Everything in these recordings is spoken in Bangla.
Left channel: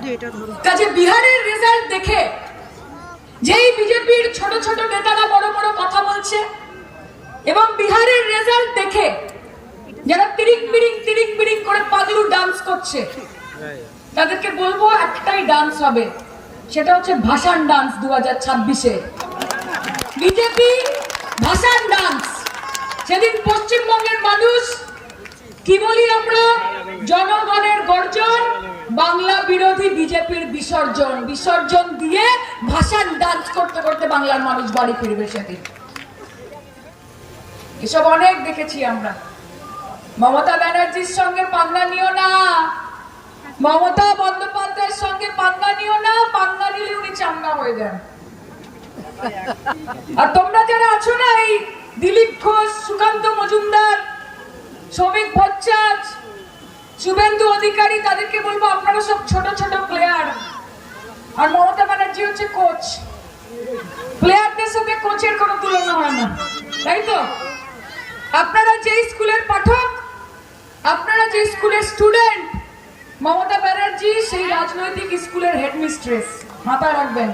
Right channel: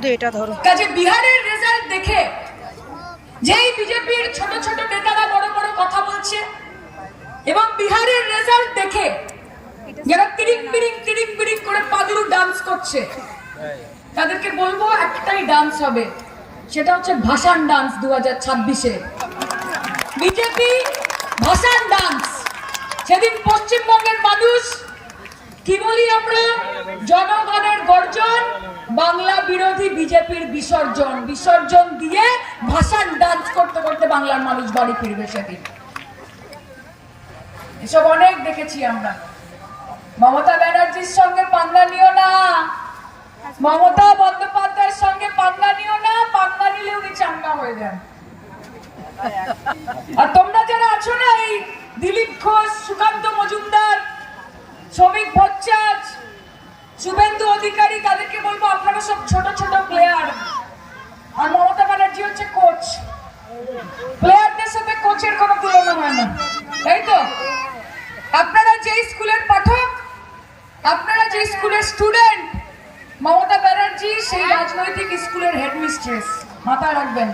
শুধু এটা ধরো। কাজে বিহারের রেজাল্ট দেখে যেই বিজেপির ছোট ছোট নেতারা বড় বড় কথা বলছে এবং বিহারের রেজাল্ট দেখে যারা তিরিং বিরিং তিরিং বিরিং করে পাগলু ডান্স করছে, তাদেরকে বলব একটাই ডান্স হবে, সেটা হচ্ছে ভাষান ডান্স দু হাজার ছাব্বিশে। বিজেপি ভাষান ডান্স সেদিন পশ্চিমবঙ্গের মানুষ, কি বলি আমরা, জনগণের গর্জন বাংলা বিরোধী বিজেপির বিসর্জন বিসর্জন দিয়ে ভাষান ডান্স করতে করতে বাংলার মানুষ বাড়ি ফিরবে সেদিন। এসব অনেক দেখেছি আমরা। মমতা ব্যানার্জির সঙ্গে পাঙ্গা নিও না। মমতা বন্দ্যোপাধ্যায়ের সঙ্গে পাঙ্গা নিও না পাঙ্গা নিলে উনি চাঙ্গা হয়ে যান। আর তোমরা যারা আছো না, এই দিলীপ ঘোষ, সুকান্ত মজুমদার, শ্রমিক ভট্টাচ শুভেন্দু অধিকারী তাদেরকে বলব আপনারা সব ছোট ছোট প্লেয়ার আর মমতা ব্যানার্জি হচ্ছে কোচ প্লেয়ারদের সাথে কোচের কোনো তুলনা হয় না। তাই তো। আপনারা যে স্কুলের পাঠক, আপনারা যে স্কুলের স্টুডেন্ট মমতা ব্যানার্জি সেই রাজনৈতিক স্কুলের হেডমিস্ট্রেস মাথায় রাখবেন।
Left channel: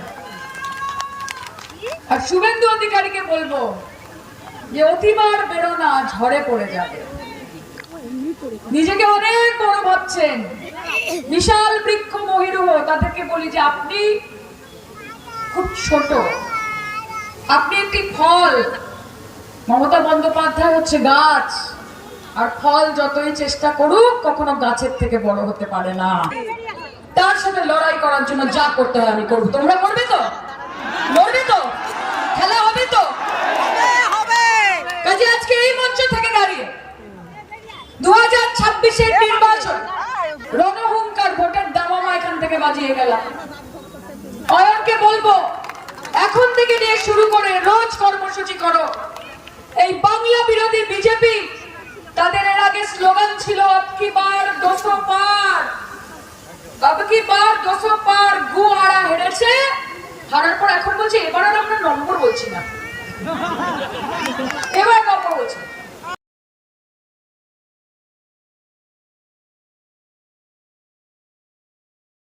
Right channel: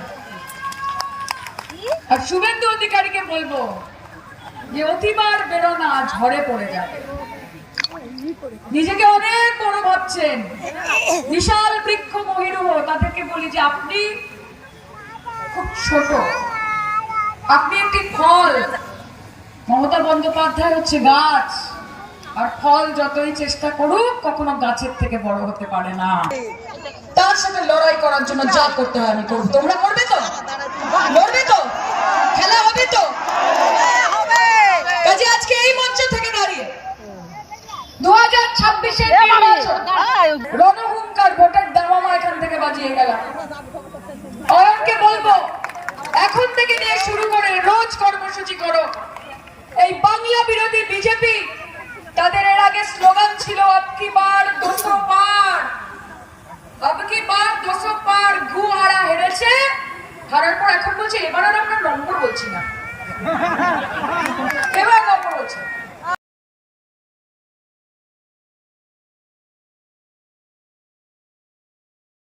আর শুভেন্দু অধিকারীকে বলব, যে অতিবার বেরো না ঝড়ে পড়ে যাবে। নিজেকে অনেক বড় ভাবছেন। বিশাল বৃক্ষ মহিরুহ তাদেরকে বলি যে, আপনি খুব ছোট। আপনি একটি ফল। মমতা বন্দ্যোপাধ্যায় হচ্ছে গাছ। আর ফল যতই চেষ্টা করুক, কখনো গাছের থেকে বড় হতে পারে না। তার সাথে লড়াই করার জন্য যা করতে হয় আমি করব। তোমরা করবে তো লড়বে তো খেলা হবে তো কাজে আজকে এই মঞ্চ থেকে দাঁড়িয়ে দু হাজার ছাব্বিশের নির্বাচন রণহুঙ্কার ভোটের দামামা এখান থেকে বাজিয়ে গেলাম অয়নকে বলব, এখন থেকে নিয়ে শুরু করে রোজ কর্মসূচি করো। এই বাংলা বিরোধী বিজেপি, তাদের এর আগে স্লোগান ছিল আপকি বার দোষো পার আপকি বার দোষো পার গু হারা হেরেছে। হারার পর এখন বলছে, এবার আর আমরা নম্বর বলছি না।